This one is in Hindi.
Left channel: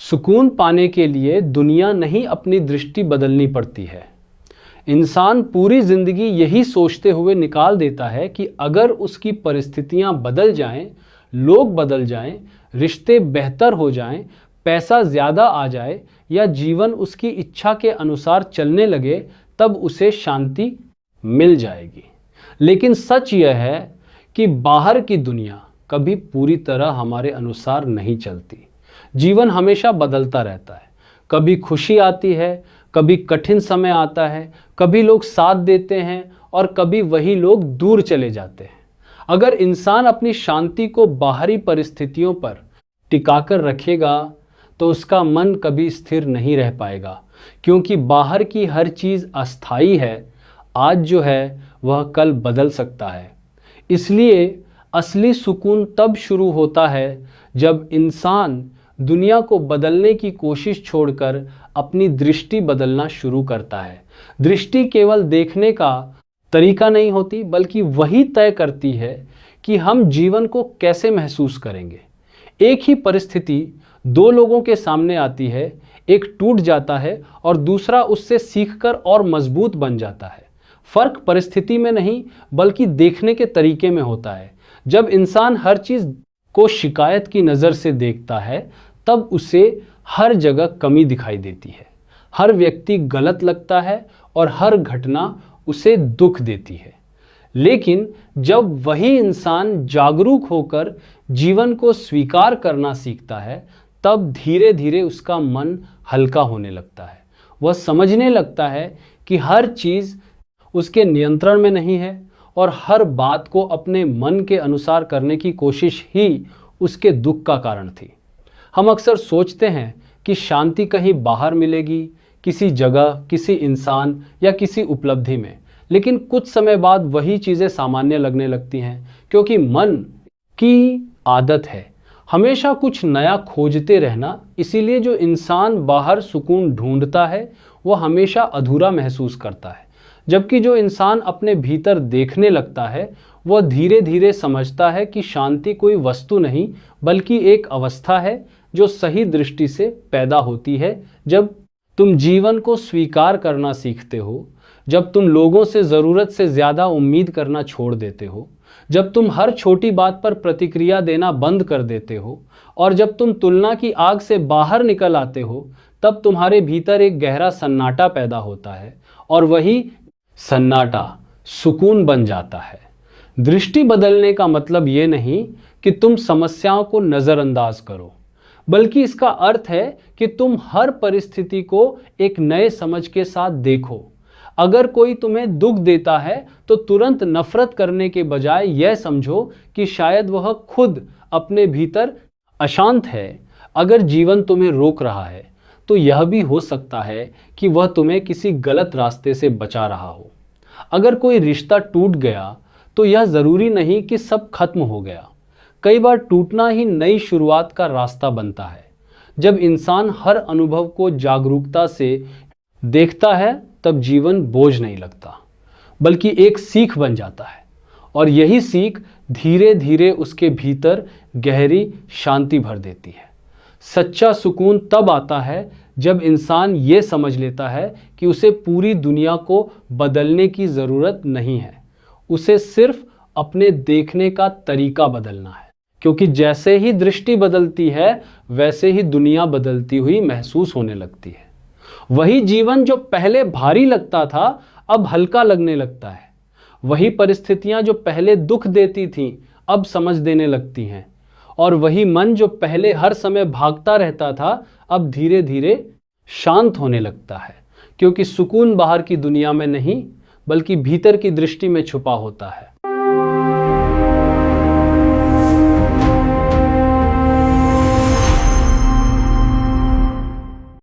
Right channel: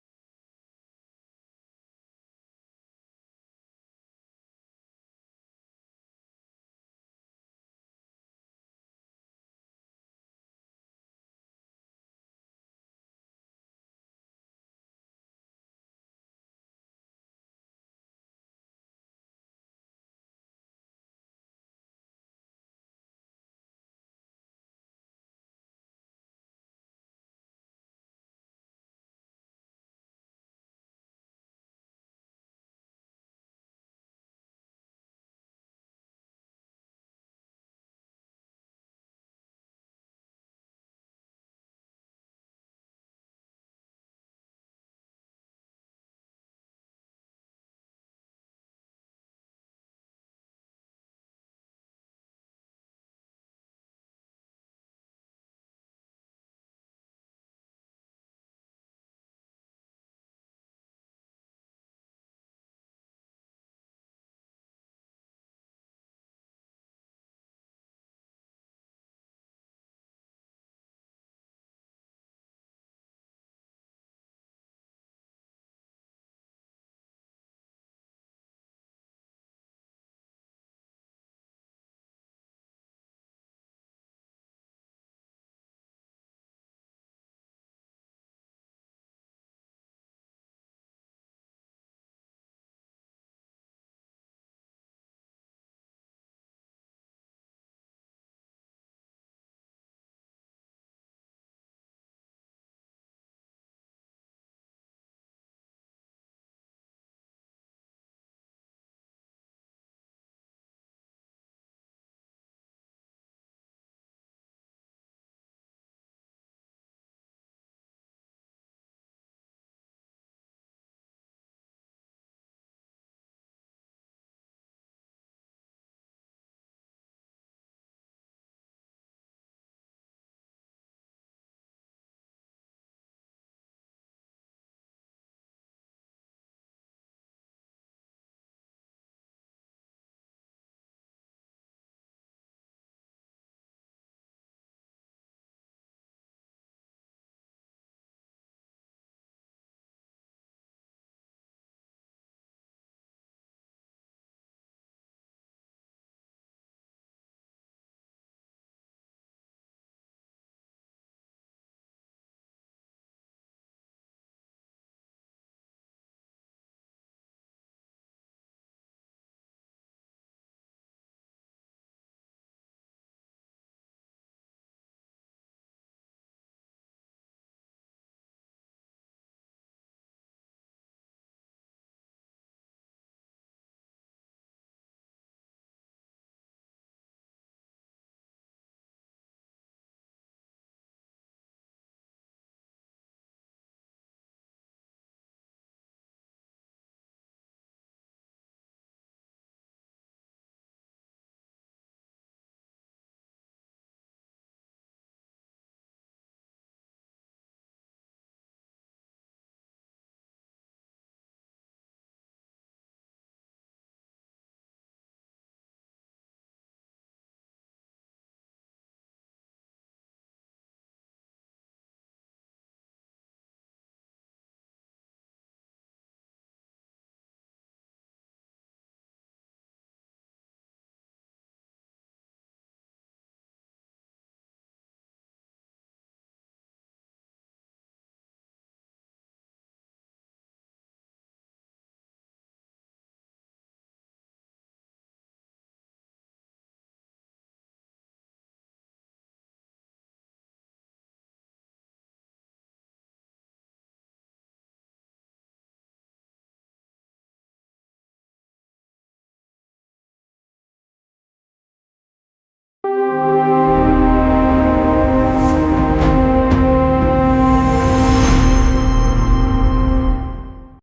सुकून पाने के लिए दुनिया नहीं अपनी दृष्टि बदलनी पड़ती है। इंसान पूरी जिंदगी यही सोचते हुए निकाल देता है कि अगर उसकी परिस्थितियां बदल जाएं, लोग बदल जाएं, रिश्ते बेहतर हो जाएं, पैसा ज़्यादा आ जाए या जीवन उसकी इच्छा के अनुसार चलने लगे, तब उसे शांति मिल जाएगी। लेकिन सच यह है कि बाहर की दुनिया कभी पूरी तरह हमारे अनुसार नहीं चलती। जीवन हमेशा बदलता रहता है। कभी खुशी आती है, कभी कठिन समय आता है, कभी लोग साथ देते हैं और कभी वही लोग दूर चले जाते हैं। अगर इंसान अपनी शांति को बाहरी परिस्थितियों पर टिकाकर रखेगा तो उसका मन कभी स्थिर नहीं रह पाएगा, क्योंकि बाहर की हर चीज़ अस्थाई है। आज जो है वह कल बदल सकता है। इसलिए असली सुकून तब शुरू होता है जब इंसान दुनिया को बदलने की कोशिश छोड़कर अपनी दृष्टि बदलना शुरू करता है। दृष्टि केवल देखने का तरीका नहीं होती, बल्कि वही तय करती है कि हम जीवन को कैसे महसूस करेंगे। एक ही परिस्थिति दो लोगों के सामने आती है, एक टूट जाता है और दूसरा उससे सीखकर और मजबूत बन जाता है। फर्क परिस्थिति में नहीं, बल्कि देखने के तरीके में होता है। जब इंसान हर चीज़ को शिकायत की नज़र से देखता है, तब उसे हर जगह कमी दिखाई देती है, हर व्यक्ति गलत लगता है और हर घटना उसे दुख देती है। लेकिन जब वही इंसान जागरूक होकर जीवन को स्वीकार करना सीखता है, तब धीरे धीरे उसका मन हल्का होने लगता है। वह समझने लगता है कि हर चीज़ उसके नियंत्रण में नहीं है और हर बात को अपने मन के अनुसार करने की कोशिश ही उसके दुख का कारण थी। हम अक्सर सोचते हैं कि शांति कहीं बाहर मिलेगी, किसी जगह, किसी इंसान या किसी उपलब्धि में। लेकिन कुछ समय बाद वही चीज़ें सामान्य लगने लगती हैं, क्योंकि मन की आदत है हमेशा कुछ नया खोजते रहना। इसीलिए जो इंसान बाहर सुकून ढूंढता है वह हमेशा अधूरा महसूस करता है, जबकि जो इंसान अपने भीतर देखने लगता है वह धीरे धीरे समझता है कि शांति कोई वस्तु नहीं, बल्कि एक अवस्था है जो सही दृष्टि से पैदा होती है। जब तुम जीवन को स्वीकार करना सीखते हो, जब तुम लोगों से ज़रूरत से ज़्यादा उम्मीद करना छोड़ देते हो, जब तुम हर छोटी बात पर प्रतिक्रिया देना बंद कर देते हो और जब तुम तुलना की आग से बाहर निकल आते हो, तब तुम्हारे भीतर एक गहरा सन्नाटा पैदा होता है और वही सन्नाटा सुकून बन जाता है। दृष्टि बदलने का मतलब ये नहीं कि तुम समस्याओं को नज़रअंदाज करो, बल्कि इसका अर्थ है कि तुम हर परिस्थिति को एक नए समझ के साथ देखो। अगर कोई तुम्हें दुख देता है तो तुरंत नफरत करने के बजाय यह समझो कि शायद वह खुद अपने भीतर अशांत है। अगर जीवन तुम्हें रोक रहा है तो यह भी हो सकता है कि वह तुम्हें किसी गलत रास्ते से बचा रहा हो। अगर कोई रिश्ता टूट गया तो यह ज़रूरी नहीं कि सब खत्म हो गया। कई बार टूटना ही नई शुरुआत का रास्ता बनता है। जब इंसान हर अनुभव को जागरूकता से देखता है, तब जीवन बोझ नहीं लगता, बल्कि एक सीख बन जाता है। और यही सीख धीरे धीरे उसके भीतर गहरी शांति भर देती है। सच्चा सुकून तब आता है जब इंसान ये समझ लेता है कि उसे पूरी दुनिया को बदलने की ज़रूरत नहीं है, उसे सिर्फ अपने देखने का तरीका बदलना है। क्योंकि जैसे ही दृष्टि बदलती है, वैसे ही दुनिया बदलती हुई महसूस होने लगती है। वही जीवन जो पहले भारी लगता था, अब हल्का लगने लगता है। वही परिस्थितियां जो पहले दुख देती थीं, अब समझ देने लगती हैं। और वही मन जो पहले हर समय भागता रहता था, अब धीरे धीरे शांत होने लगता है। क्योंकि सुकून बाहर की दुनिया में नहीं, बल्कि भीतर की दृष्टि में छुपा होता है।